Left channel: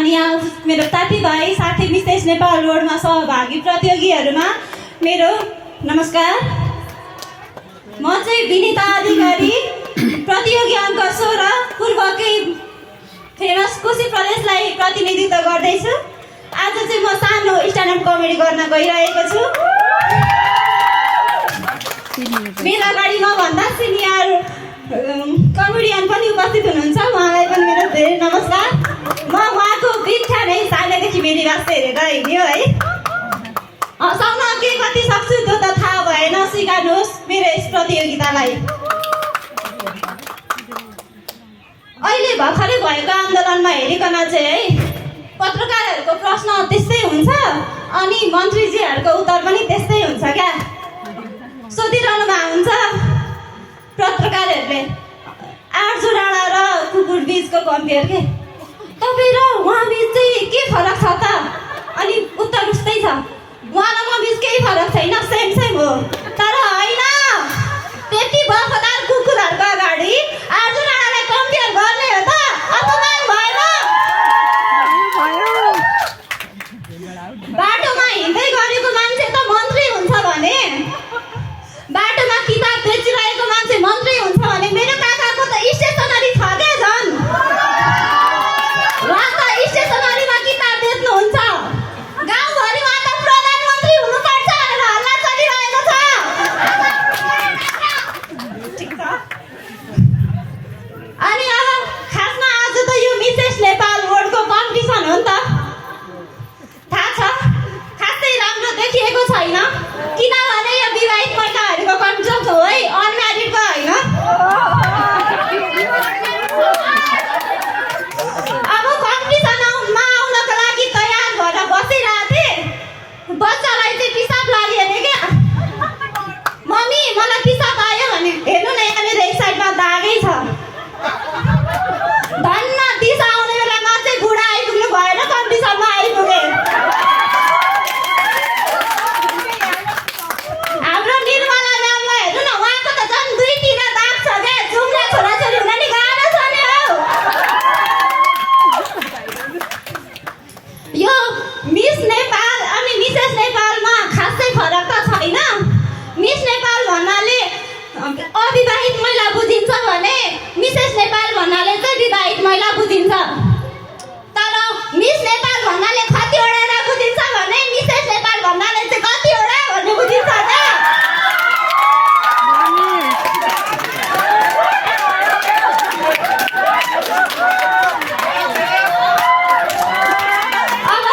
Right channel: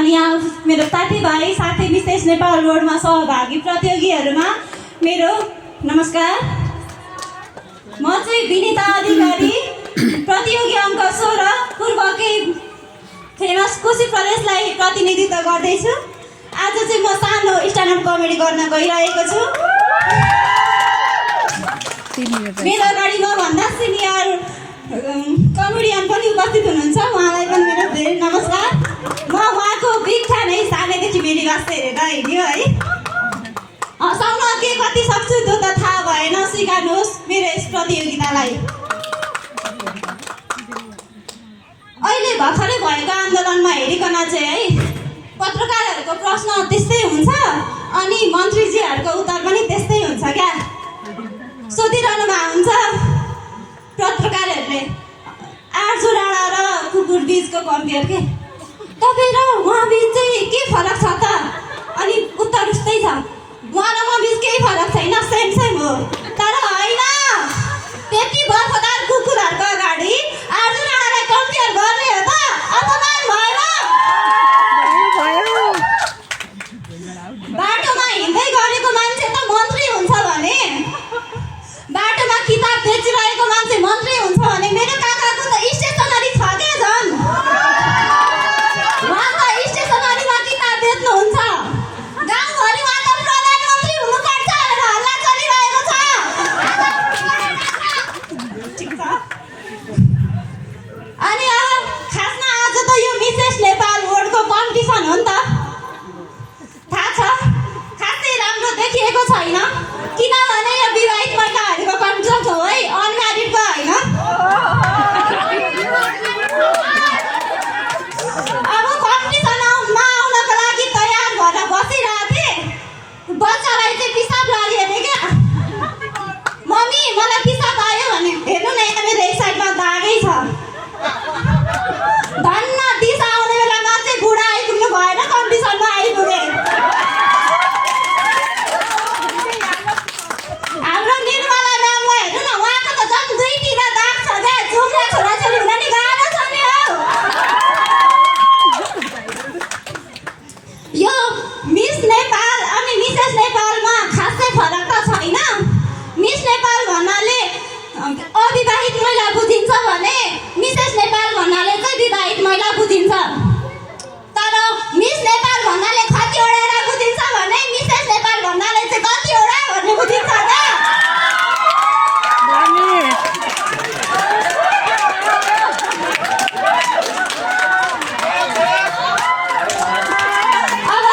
अनि यहाँ मेरो साथीभाइ साथी विशेष नेपाल रोडमा सहभागी प्रतियोगीहरूमा मेरो नमस्कार। म चाहिँ विनिता अधिकारी, प्रतियोगी अङ्क 16 पूर्वकै फेमस कोशी प्रदेशलाई प्रतिनिधित्व गर्दैछु। आज चाहिँ म सानो स्ट्यान्डअप कमेडी गर्न गइरहेको छु। मेरो अगाडि मभन्दा सिनियर कमेडियन पनि उपस्थित हुनुहुन्छ, उहाँलाई पनि मेरो धेरै नमस्कार। म उहाँको बिग फ्यान है, सानैदेखि मेरी वास्ते हेरेर हिँड्यो है। हँसाउन के कति सक्छु त्यो त थाहा भएन, स्वीकार्नुहोस् मेरो यस प्रतियोगितालाई। अहिले भर्खरै भएको आन्दोलनमा हेरिकन चाहिँ है, पत्रकारहरूको प्रश्न त्यस्तै हुन्छ अनि मन्त्रीजीहरूको उत्तर पनि त्यस्तै हुन्छ क्या। सोधिरहनु भएको हुन्छ पत्रकारहरूले, आर्जु राणा र कुकुर बिचको कम्पेयर के, तपाईँ र उहाँ बिच चाहिँ के फरक छ त? अनि उत्तर उस्तै छ, उहाँ र म बिच केही फरक छैन, सेम सेम हो। तर होइन, त्यति बर्फदार कुकुरहरूको अगाडि आर्जु राणालाई कम्पेयर गर्ने हो त? अपमान भएन? बाटोमा हिँड्दै गरेको मान्छे त मन्त्री हुन्छ भने, बाटोमा किताब बेचिरहेको मान्छे मन्त्री हुन्छ भने मेरो काकाको त स्टेसनरी छ क्या झन्। उहाँ त स्टेसनरीमा किताब बेच्नुहुन्छ, गाउँभरि उहाँ त प्रधानमन्त्री हुनुपर्छ भनेर हल्ला चलिरहेको छ। ठिक छ। अनि अब खासमा आज त यो मिसेस नेपाल वर्ल्डको कम्पिटिसन हो नि त, थाहा छ? खासै राम्रो देखिएको छैन, किनभने यो विवाहित महिलाहरूको कम्पिटिसन हो है, अनम्यारिडको होइन। अब कम्पिटिसनमा आउनको लागि तयार भएर बसिरहेको थिएँ, बच्चालाई चाहिँ पिसाब लाग्यो अरे क्या। मम्मी मलाई पिसाब आयो भने, हेर्नु न यहाँ मेरो एक साइडमा दागै छ। धन्न दिशा आउने बेलामा चाहिँ बुढा आइपुग्नु भएन, कम्पिटिसनमा आइपुगेँ। हाम्रो निर्मला म्यामलाई हेर्नु न, उहाँको त झन् दुईतिर दाग छ क्या, जुम्ला छोराछोरी हुन नि गाह्रो छ नि हौ। यो मिस नेपाल अनि मिसेस नेपालमा खासै फरक त छैन। मिस नेपाल भन्नाले अविवाहित महिला बुझिन्छ भने मिसेस नेपाल भन्नाले चाहिँ विवाहित महिला बुझिन्छ। तर मिस नेपाल भन्नाले कतिवटा बुझिन्छ भने मिसेस नेपाल भन्नाले चाहिँ कतिवटा भन्ने बुझिन्छ क्या। अब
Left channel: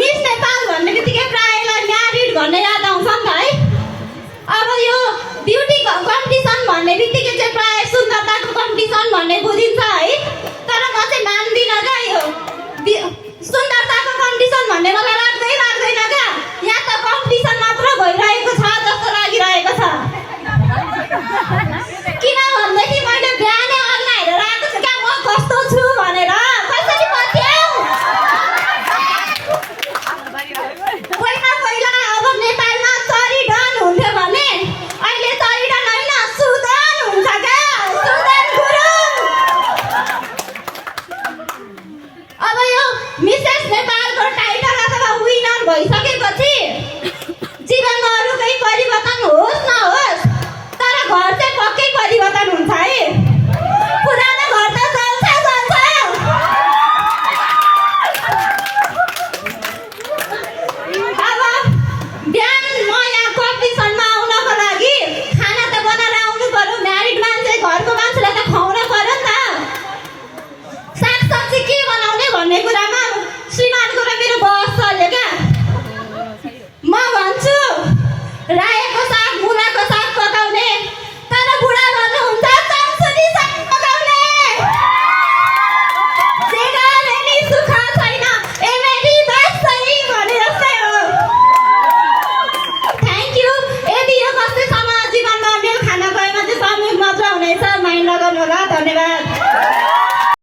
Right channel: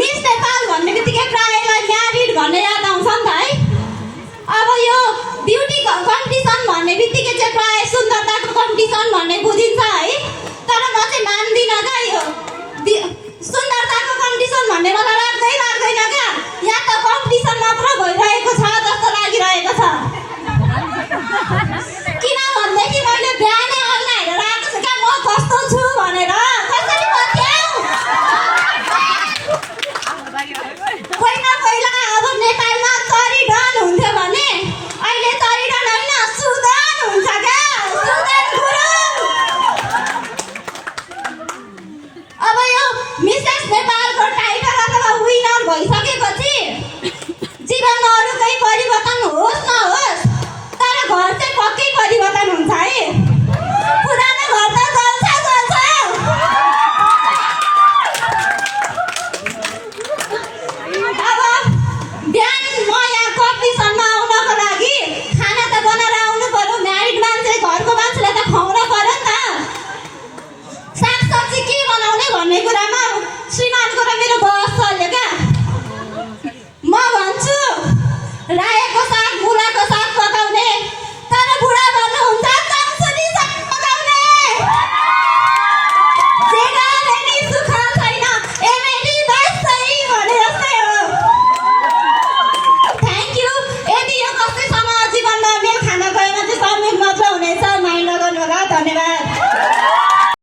मिस नेपाल भन्ने बित्तिकै प्रायःलाई म्यारिड भन्ने याद आउँछ नि त है। अब यो ब्युटी कम्पिटिसन भन्ने बित्तिकै चाहिँ प्रायः सुन्दरताको कम्पिटिसन भन्ने बुझिन्छ है। तर म चाहिँ मान्दिनँ क्या, यो सुन्दरताको कम्पिटिसन भन्ने मलाई लाग्दैन क्या। यहाँ त कम्पिटिसन मात्र भइरहेको छ जस्तो लागिरहेको छ। किनभनेदेखि मैले बिहानै अग्ला हेरेर आएको छु क्या, म कस्तो छु भनेर। कसरी पत्याउ? पहिला अब नेपालमा चरीडन हुन्थ्यो भने अहिले चरीडन होइन, सुदन हुन्छ क्या, सुदन गुरुङ। अब यो मिसेस नेपालको टाइटल अथवा विनर भइसकेपछि जीवनमा अरू केही परिवर्तन होस् नहोस्, तर घर चाहिँ पक्कै परिवर्तन हुन्छ है। पुरानो घर त चल्छ। अब बिहान म यहाँ कम्पिटिसनमा आउनको लागि खाना त बनाएर आउनु पर्यो, म्यारिड मान्छे घरको मान्छेलाई त खुवाउनु पर्यो नि त। सागसब्जी के बनाउने भन्ने कुरामा श्रीमानको र मेरो बहस चल्यो क्या। म भन्छु राया